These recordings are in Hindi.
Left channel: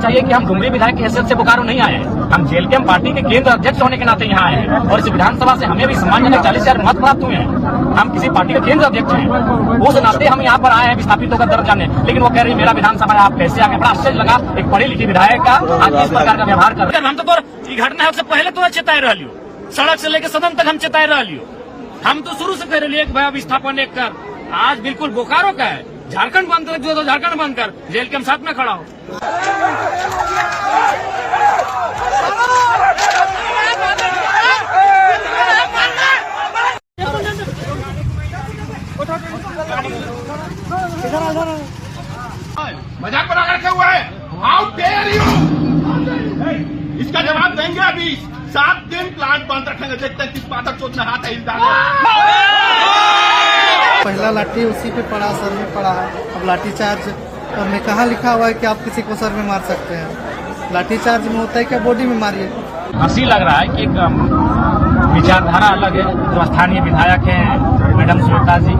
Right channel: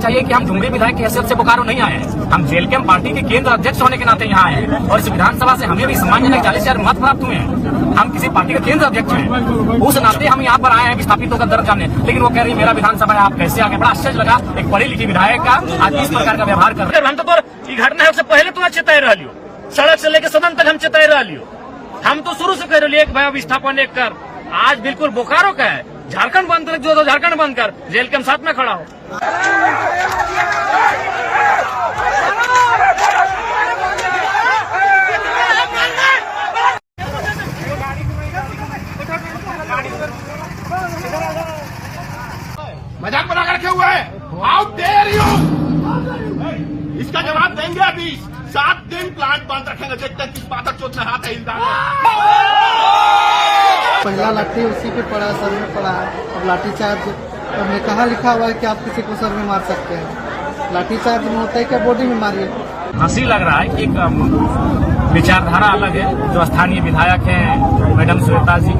चाहिए कि हम डुमरी विधायक की हैसियत से बोकारो नहीं आए हैं। हम जेएलकेएम पार्टी के केंद्र अध्यक्ष होने के नाते यहाँ आए हैं और इस विधानसभा से हमें भी सम्मानजनक 40,000 मत प्राप्त हुए हैं। हम किसी पार्टी के केंद्र अध्यक्ष हैं, उस नाते हम यहाँ पर आए हैं विस्थापितों का दर्द जानने। लेकिन वो कह रही मेरा विधानसभा है, आप कैसे आगे? बड़ा आश्चर्य लगा एक पढ़ी लिखी विधायक का आज इस प्रकार का व्यवहार कर रहे हैं। हम तो घटना है उससे पहले तो चेताए रह लियो, सड़क से लेकर सदन तक हम चेताए रह लियो। हम तो शुरू से कह रहे एक भाई विस्थापन एक कर, आज बिल्कुल बोकारो का है। झारखंड बंद कर, जो झारखंड बंद कर, जेएलकेएम साथ में खड़ा हो। मजाक बना कर रखे हुए है। How dare you! इसका जवाब देंगे अभी। 7 दिन प्लांट बंद रखेंगे, देखते हैं किस पातर चोट में हाथ है इस दांत पहला लाठी उसी पे पड़ा, सर में पड़ा है। अब लाठी चार्ज में कहाँ लिखा हुआ है कि आप किसी को सर में मार सकते हैं? लाठी चार्ज में होता है क्या बॉडी में मारिए? हंसी लग रहा है कि एक विचारधारा अलग है जो स्थानीय विधायक हैं मैडम श्वेता जी,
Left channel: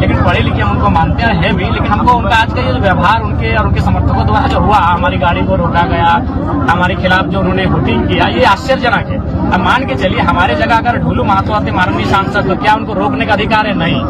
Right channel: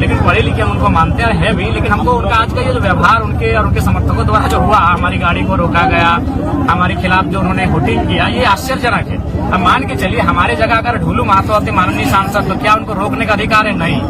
लेकिन पढ़े लिखे हम उनको मानते हैं भी। लेकिन हमको उनका आज का ये जो व्यवहार उनके और उनके समर्थकों द्वारा जो हुआ, हमारी गाड़ी को रोका गया, हमारे खिलाफ जो उन्होंने वोटिंग किया, ये आश्चर्यजनक है। अब मान के चलिए हमारे जगह अगर ढुलू महतो आते माननीय सांसद, तो क्या उनको रोकने का अधिकार है? नहीं।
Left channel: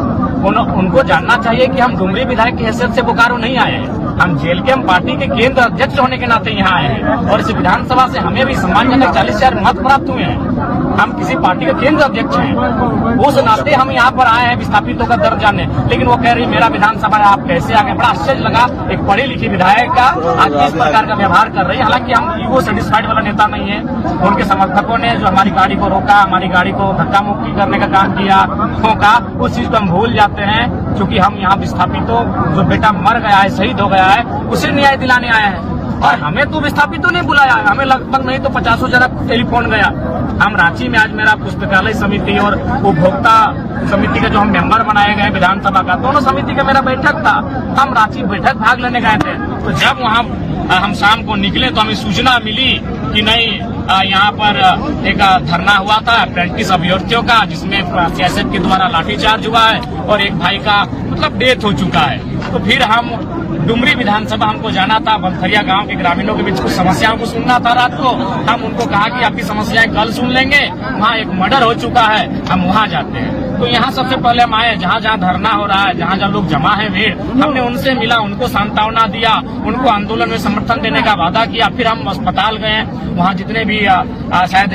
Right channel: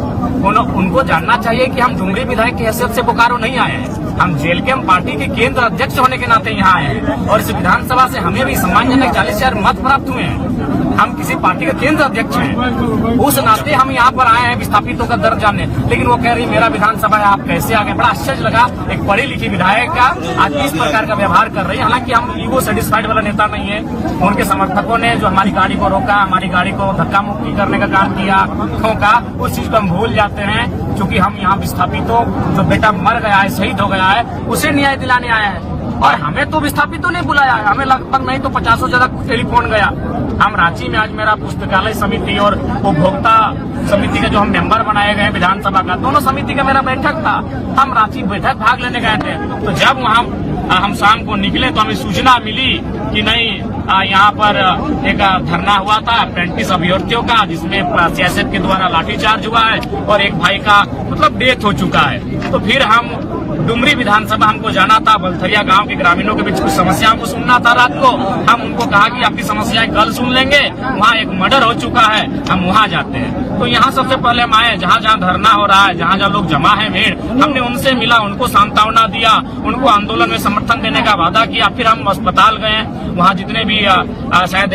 उनको जानना चाहिए कि हम डुमरी विधायक की हैसियत से बोकारो नहीं आए हैं। हम जेएलकेएम पार्टी के केंद्र अध्यक्ष होने के नाते यहाँ आए हैं और इस विधानसभा से हमें भी सम्मानजनक 40,000 मत प्राप्त हुए हैं। हम किसी पार्टी के केंद्र अध्यक्ष हैं, उस नाते हम यहाँ पर आए हैं विस्थापितों का दर्द जानने। लेकिन वो कह रही मेरा विधानसभा है, आप कैसे आगे? बड़ा आश्चर्य लगा एक पढ़ी लिखी विधायक का आज इस प्रकार का व्यवहार कर रही है। हालांकि हम ईगो सेटिस्फाइड वाला नेता नहीं है। उनके समर्थकों ने जो हमारी गाड़ी को रोका, हमारी गाड़ी को धक्का मुक्की करने का काम किया, ठोका, उस चीज को हम भूल जाते हैं। क्योंकि हम यहाँ विस्थापितों जो बेटा मर गया है, शहीद हो गया है, उसे न्याय दिलाने आए हैं। और हमें तो विस्थापितों ने बुलाया है, हमें लगभग नहीं तो 50 जगह टेलीफोन गया। हम रांची में आज मेरा पुस्तकालय समिति और उपभोक्ता समिति का जो हम मेंबर बनाए गए विधानसभा का, दोनों समिति का मेरा बैठक था। हम रांची बैठक भाग लेने गए थे, तो जब वहाँ हम शाम को निकले तो हमें सूचना मिली कि नहीं, यहाँ पर एक धरना हुआ था अप्रेंटिस अभ्यर्थियों का, जिसमें सियासत के द्वारा लाठीचार्ज हुआ है और एक भाई का मतलब डेथ हो चुका है। तो फिर हम डुमरी विधानसभा हमको जाना था, बलथरिया गांव के ग्रामीणों के बीच कुछ समस्याओं को सुनना था रात को। हम उनको कहा कि आपकी समस्याएं कल सुन लेंगे, वहाँ एक मर्डर हो चुका है, हम वहाँ जाते हैं। तो यहाँ सबसे पहले हम आए, जहाँ जहाँ धरना हो रहा है, जहाँ जहाँ लोग जमा है भीड़, हमने उनसे मिला, उनको सांत्वना दिया, उनको आंदोलन में समर्थन देने का वादा किया। फिर हम अस्पताल गए, वहाँ जितने भी शायद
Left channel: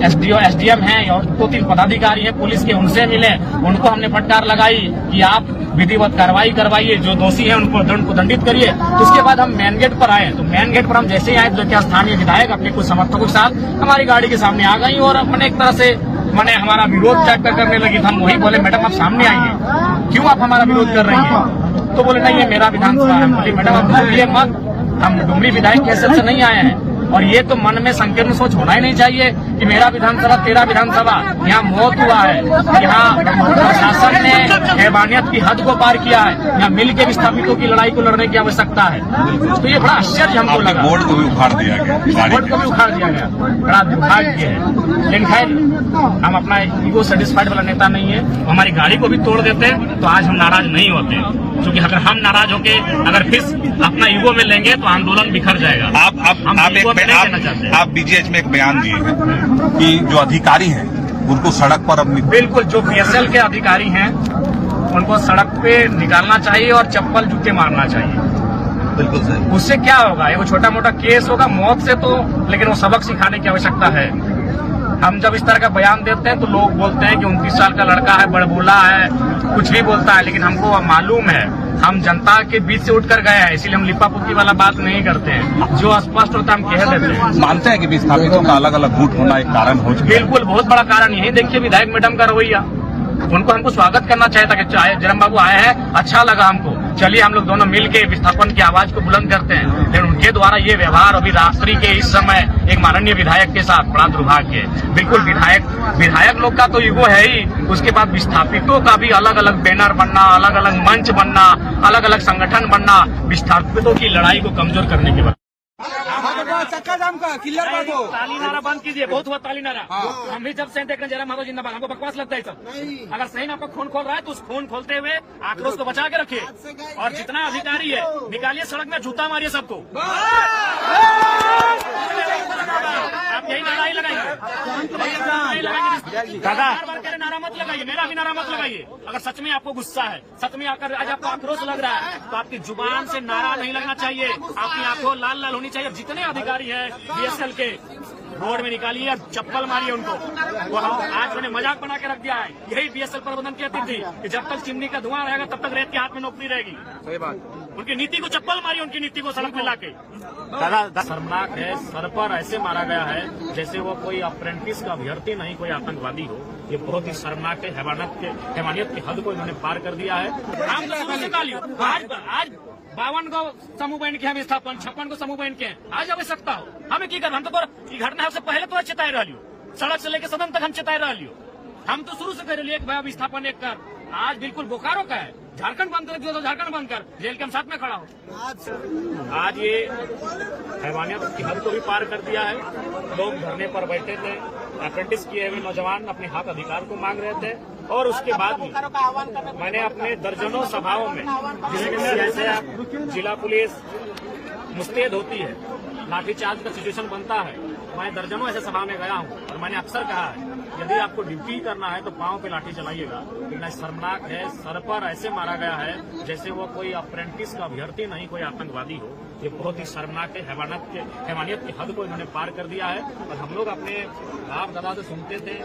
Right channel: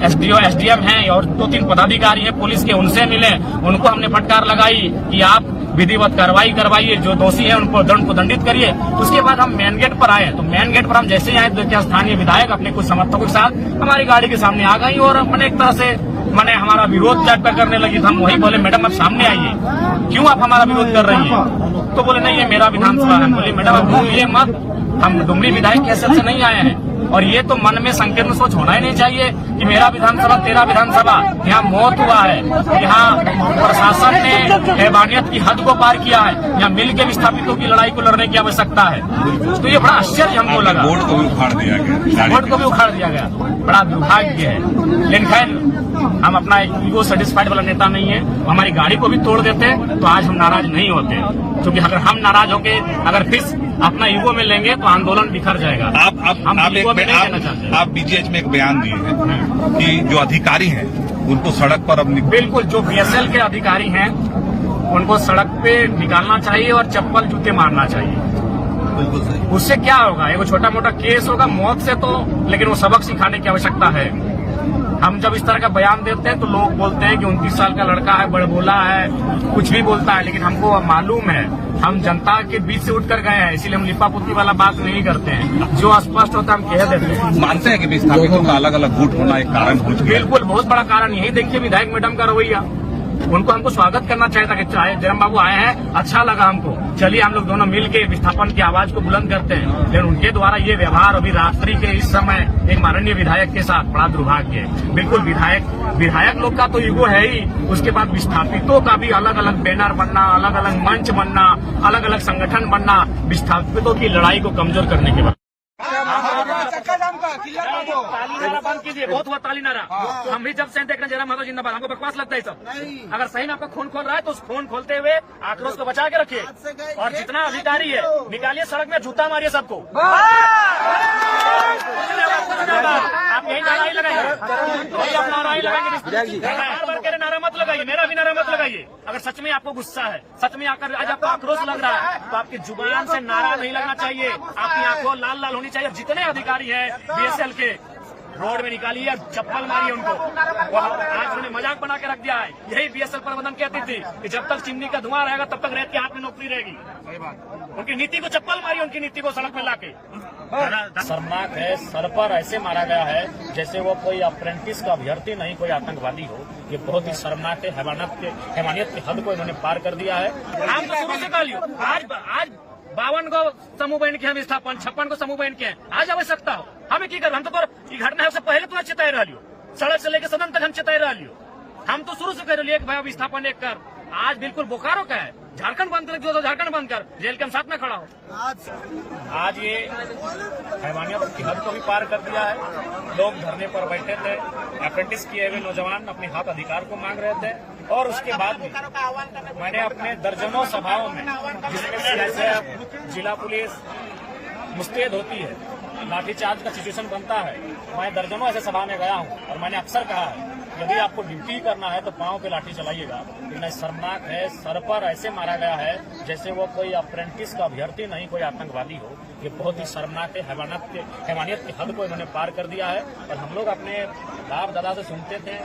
एसडीओ एसडीएम हैं और 2-3 पदाधिकारी हैं पुलिस के, उनसे मिले, उनको हमने फटकार लगाई कि आप विधिवत कार्रवाई करवाइए, जो दोषी है उनको दंडित करिए। उसके बाद हम मेन गेट पर आए, तो मेन गेट पर हम जैसे ही आए तो क्या स्थानीय विधायक अपने कुछ समर्थकों के साथ हमारी गाड़ी के सामने आ गई और मैंने एक तरह से हमारा विरोध टाइप का करने लगी। हम वही बोले मैडम आप सामने आइए, क्यों आप हमारा विरोध कर रही हैं? तो बोले नहीं ये मेरा विधानसभा है। बोली मैडम आप बोलिए मत, हम डुमरी विधायक की हैसियत से नहीं आए हैं। और ये तो मन में संकीर्ण सोच होना ही नहीं चाहिए कि मेरा विधानसभा तेरा विधानसभा। यहाँ मौत हुआ है, यहाँ प्रशासन ने हैवानियत की हद को पार किया है, यहाँ मिलकर विस्थापितों की लड़ाई को लड़ने की आवश्यकता है। तो ये बड़ा आश्चर्य हमको लगा। बोर्ड को भी उखाड़ दिया गया, बोर्ड को भी उखाड़ दिया गया, बड़ा दुर्भाग्य है। लेकिन खैर हम अपना ईगो सेटिस्फाइड वाला नेता नहीं है। हमारी गाड़ी को भी तोड़ देते तो आज हम नाराज नहीं होते, क्योंकि अगर हम नाराज होके अगर फिर अपना ईगो में लेंगे तो आंदोलन बिखर जाएगा। आप बीजीएच में एक बयान दिए हैं कि जो अधिकारी हैं उनको सड़क पर अब बिल्कुल जो बीएसएल के अधिकारी हैं उनको सड़क पे निकालना चाहिए और चप्पल जूते मारना चाहिए। बिल्कुल सही। उससे क्या होगा? वो छोटा मोटा केस होगा मौत से, तो लेकिन वो सबक सिखाने की आवश्यकता है। हम जब इस तरह का बयान देते हैं तो लोग बोलते हैं कि 29 साल का लड़का है, बड़बोला है, कुछ भी बोलता है। लेकिन हमको मालूम है, हम जनता के बीच से उठकर गए हैं, इसीलिए हम लिपापुती वाला बात नहीं करते हैं। जो स्पष्ट होता है हम कह देते हैं। मानते हैं कि विस्थापितों का अलग अलग गुट होना एक कारण हो चुका है। बिल्कुल, बहुत बड़ा कारण यही देखिए विधायक मैडम का रवैया। उनको हमको स्वागत करना चाहिए था कि चाहे जरम बाबू आए हैं, अच्छा लगा हमको, चलिए हम लोग दोनों मिलके विस्थापन की आवाज को बुलंद करते हैं। लेकिन उनके द्वारा ये व्यवहार अभी रात्रि के इस समय एक माननीय विधायक के साथ बड़ा दुर्भाग्य है। बिल्कुल विधायक लोग का तो ईगो है ही, उसके बाद विस्थापितों का भी अलग अलग बैनर बनना, अलग अलग मंच बनना, अलग अलग संगठन बनना, विस्थापितों की लड़ाई को कमजोर करने के बाद ताली नारा बंद कीजिए, बहुत हुआ ताली नारा। हम भी जब से देख रहे हैं जरम बाबू जिंदाबाद, हमको बकवास लगता है सब। अगर सही में आपका खून खोल रहा है तो उस खून खोलते हुए आक्रोश को बचा के रखिए, और जितना अधिकारी है निकालिए सड़क में, जूता मारिए सबको। यही नारा ही लगाइए, यही अपना नारा ही लगाएंगे। बार बार कह रहे नारा मत लगाइए, मेरा भी नारा मत लगाइए। अगर सच में आपको गुस्सा है, सच में आकर आज आपको आक्रोश लग रहा है, तो आपकी जुबान से नारा नहीं लगना चाहिए, आपकी आंखों लाल लाल होनी चाहिए। जितने अधिकारी हैं बीएसएल के, रोड में निकालिए और चप्पल मारिए उनको। वो आज उन्होंने मजाक बना के रख दिया है। यही बीएसएल प्रबंधन कहती थी कि जब तक चिमनी का धुआं रहेगा तब तक रेत के हाथ में नौकरी रहेगी। उनकी नीति को चप्पल मारिए, उनकी नीति को सड़क में लाके। शर्मनाक है, सर पर ऐसे मारा गया है जैसे वो कोई अप्रेंटिस का अभ्यर्थी नहीं, कोई आतंकवादी हो। ये बहुत ही शर्मनाक है। हैवानियत की हद को इन्होंने पार कर दिया है। हम तो शुरू से कालियो आज 52 को समूह बन के हम स्थापन, 56 को समूह बन के आज आवश्यकता हो हमें की कर। हम तो ये घटना है उससे पहले तो चिताई रह लियो, सड़क से लेकर सदन तक हम चिताई रह लियो। हम तो शुरू से कह रहे एक भाई विस्थापन एक कर। आज बिल्कुल बोकारो का है, झारखंड बंद कर, जो तो झारखंड बंद कर, जेल के हम साथ में खड़ा हो। आज ये हैवानियत की हद को भी पार कर दिया है। लोग धरने पर बैठे थे, अप्रेंटिस किए हुए नौजवान अपने हक अधिकार को मांग रहे थे, और उसके बाद भी मैंने अपने दर्जनों सभाओं में, जिसमें सीआईएसएफ, जिला पुलिस मुस्तैद होती है, लाठीचार्ज का सिचुएशन बनता है, मैं दर्जनों ऐसे सभा में गया हूं और मैंने अक्सर कहा है यदि आपको ड्यूटी करना है तो पांव पे लाठी चलाइएगा। लेकिन शर्मनाक है, सर पर ऐसे मारा गया है जैसे वो कोई अप्रेंटिस का अभ्यर्थी नहीं, कोई आतंकवादी हो। ये बहुत ही शर्मनाक है। हैवानियत की हद को इन्होंने पार कर दिया है। और हम लोग अपने बाप दादा से सुनते थे,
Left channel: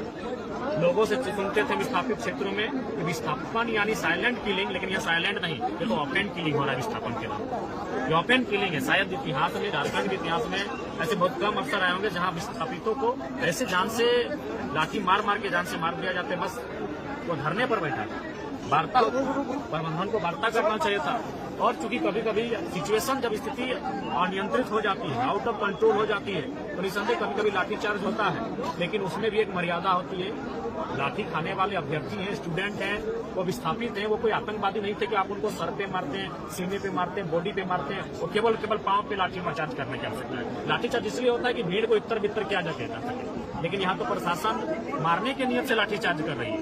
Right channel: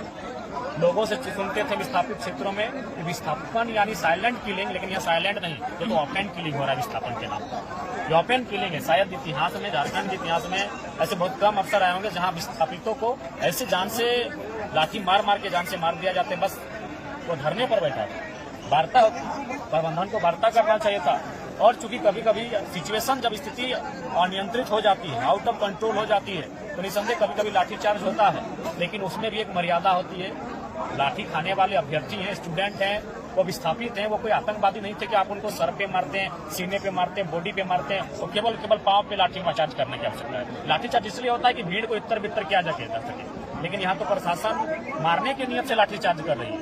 लोगों से सुनते थे विस्थापित क्षेत्रों में, विस्थापन यानी साइलेंट किलिंग, लेकिन यहाँ साइलेंट नहीं, ये तो ओपन किलिंग हो रहा है विस्थापन के नाम पर। ये ओपन किलिंग है। शायद इतिहास में, झारखंड के इतिहास में ऐसे बहुत कम अवसर आए होंगे जहाँ विस्थापितों को ऐसे जान से लाठी मार मार के जान से मार दिया जाते। बस वो धरने पर बैठा, वार्ता होती, प्रबंधन को वार्ता करना चाहिए था। और चूंकि कभी कभी सिचुएशन, जब स्थिति अनियंत्रित हो जाती है, आउट ऑफ कंट्रोल हो जाती है, तो निसंदेह कभी कभी लाठीचार्ज होता है, लेकिन उसमें भी एक मर्यादा होती है। लाठी खाने वाले अभ्यर्थी हैं, स्टूडेंट हैं, वो विस्थापित हैं, वो कोई आतंकवादी नहीं थे कि आप उनको सर पे मारते हैं, सीने पे मारते हैं, बॉडी पे मारते हैं। वो केवल पांव पे लाठीचार्ज करने की आवश्यकता है। लाठीचार्ज इसलिए होता है कि भीड़ को इतर बितर किया जा सके, लेकिन यहाँ तो प्रशासन मारने के नियत से लाठीचार्ज कर रही है।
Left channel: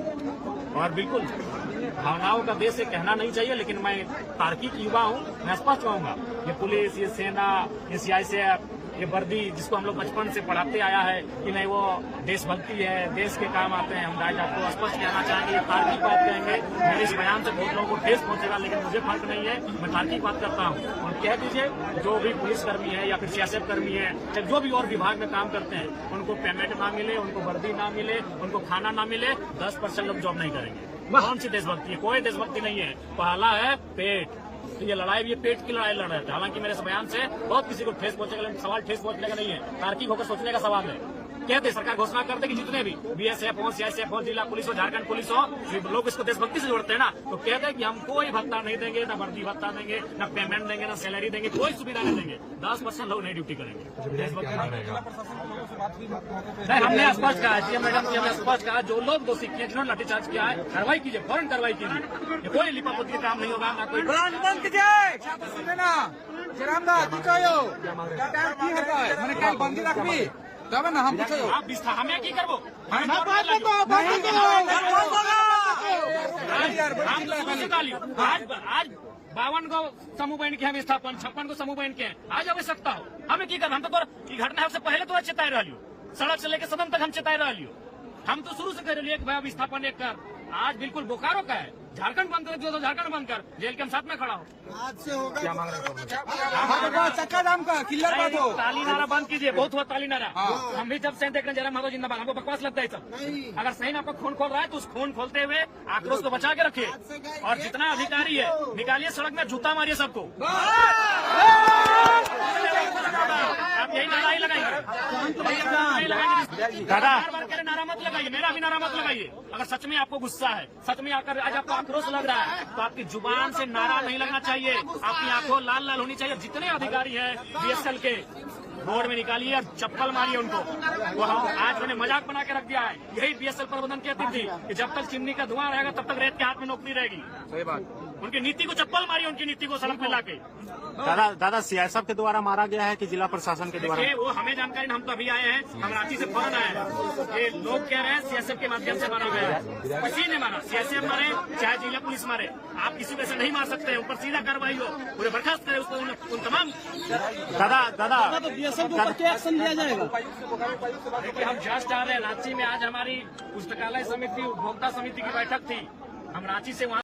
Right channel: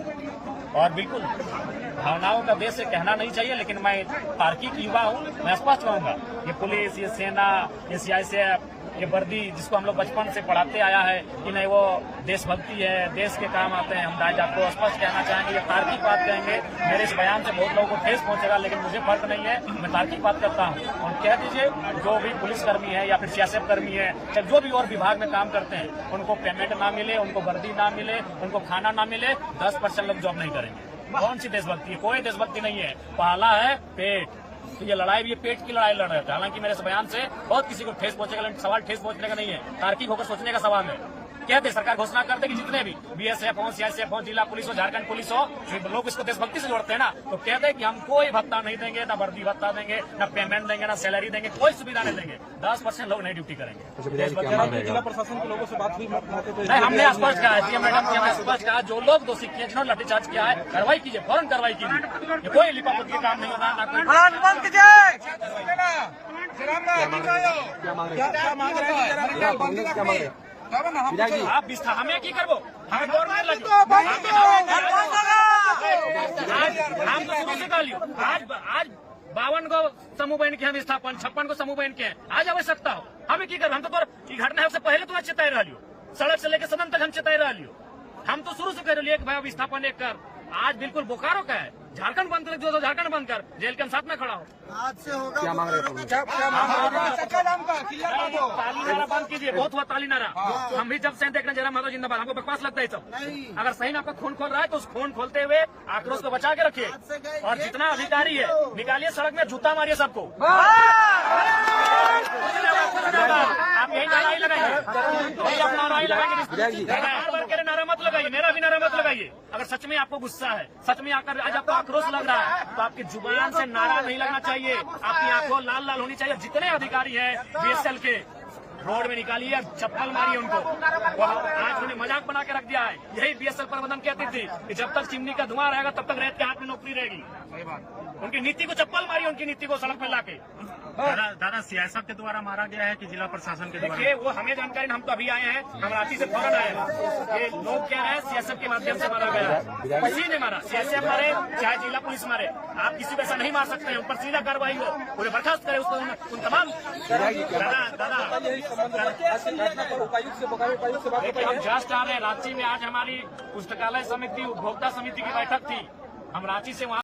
और बिल्कुल भावनाओं का देश है, कहना नहीं चाहिए, लेकिन मैं तार्किक युवा हूँ, मैं स्पष्ट कहूंगा, ये पुलिस, ये सेना, ये सीआईएसएफ, ये वर्दी जिसको हम लोग बचपन से पढ़ाते आया है कि नहीं वो देशभक्ति है, देश के काम आते हैं, हम दाई जात को स्पष्ट कहना चाहेंगे। ये तार्किक बात कहेंगे, मेरे इस बयान से बहुत लोगों को ठेस पहुंचेगा, लेकिन मुझे फर्क नहीं है, मैं तार्किक बात करता हूं। और कह दीजिए जो भी पुलिसकर्मी है या फिर सीआईएसएफ कर्मी है या जो भी और विभाग में काम करते हैं, उनको पेमेंट ना मिले, उनको वर्दी ना मिले, उनको खाना ना मिले, 10% लोग जॉब नहीं करेंगे। कौन सी देशभक्ति है? कोई देशभक्ति नहीं है। पहला है पेट। तो ये लड़ाई भी, ये पेट की लड़ाई लड़ रहे थे। हालांकि मेरे इस बयान से बहुत किसी को ठेस पहुंचेगा, लेकिन सवाल ठेस पहुंचने का नहीं है, तार्किक होकर सोचने का सवाल है। कहते सरकार घोषणा कर दे कि जितने भी बीएसएफ हो, सीआईएसएफ हो, जिला पुलिस हो, झारखंड पुलिस हो, लोग इसको देशभक्ति से जोड़ते हैं ना, तो कहते हैं कि हम कोई भत्ता नहीं देंगे, ना वर्दी भत्ता देंगे, ना पेमेंट देंगे, ना सैलरी देंगे, कोई सुविधा नहीं देंगे। 10% लोग नहीं ड्यूटी करेंगे। देशभक्ति नहीं, हमने स्पष्ट कहा है, मैडम जी हमने स्पष्ट कहा, जो लोग दोषी किए, जिन्होंने लाठीचार्ज किया है, कार्रवाई कीजिए, फौरन कार्रवाई कीजिए। ये कोई लिपापोती का काम नहीं होगा, ना कोई आप हमें की करबो, हमें गवर्नमेंट लगो, हम तो शुरू से कालियो। आज 52 को समूह बन के हम स्थापन, 56 को समूह बन के आज आवश्यकता हो हमें की कर। हम तो ये घटना है उससे पहले तो चिताई रह लियो, सड़क से लेकर सदन तक हम चिताई रह लियो। हम तो शुरू से कह रहे एक भाई विस्थापन एक कर। आज बिल्कुल बोकारो का है, झारखंड बंद कर, जो तो झारखंड बंद कर, जेल के हम साथ में खड़ा हो। आज से होगा ताली नारा बंद कीजिए, बहुत हुआ ताली नारा। हम भी जब से देख रहे हैं जरा माधव जिंदाबाद, हमको बकवास लगता है सब। अगर सही में आपका खून खोल रहा है तो उस खून खोलते हुए आक्रोश को बचा के रखिए, और जितना अधिकारी है निकालिए सड़क में, जूता मारिए सबको। आप यही नारा ही लगाइए, यही अपना नारा ही लगाएंगे। बार बार कह रहे नारा मत लगाइए, मेरा भी नारा मत लगाइए। अगर सच में आपको गुस्सा है, सच में आकर आज आपको आक्रोश लग रहा है, तो आपकी जुबान से नारा नहीं लगना चाहिए, आपकी आंखों लाल लाल होनी चाहिए। जितने अधिकारी हैं बीएसएल के, रोड में निकालिए और चप्पल मारिए उनको। वो आज उन्होंने मजाक बना के रख दिया है। यही बीएसएल प्रबंधन कहती थी कि जब तक चिमनी का धुआं रहेगा तब तक रेत के हाथ में नौकरी रहेगी। उनकी नीति को चप्पल मारिए, उनकी नीति को सड़क में लाके। दादा सीआईएसएफ के द्वारा मारा गया है कि जिला प्रशासन के द्वारा? देखिए, वो हमें जानकारी, हम तो अभी आए हैं, हम रांची से फौरन आए हैं। ये लोग कह रहे हैं सीएसएफ के माध्यम से मारा गया है। किसी ने मारा, सीएसएफ मारे चाहे जिला पुलिस मारे, आप किसी को ऐसा नहीं मार सकते हैं। ऊपर सीधा कार्रवाई हो, पूरे बर्खास्त करे उसको, उन तमाम। दादा देखिए, हम जस्ट आ रहे हैं रांची में। आज हमारी पुस्तकालय समिति, उपभोक्ता समिति की बैठक थी। हम रांची से वहाँ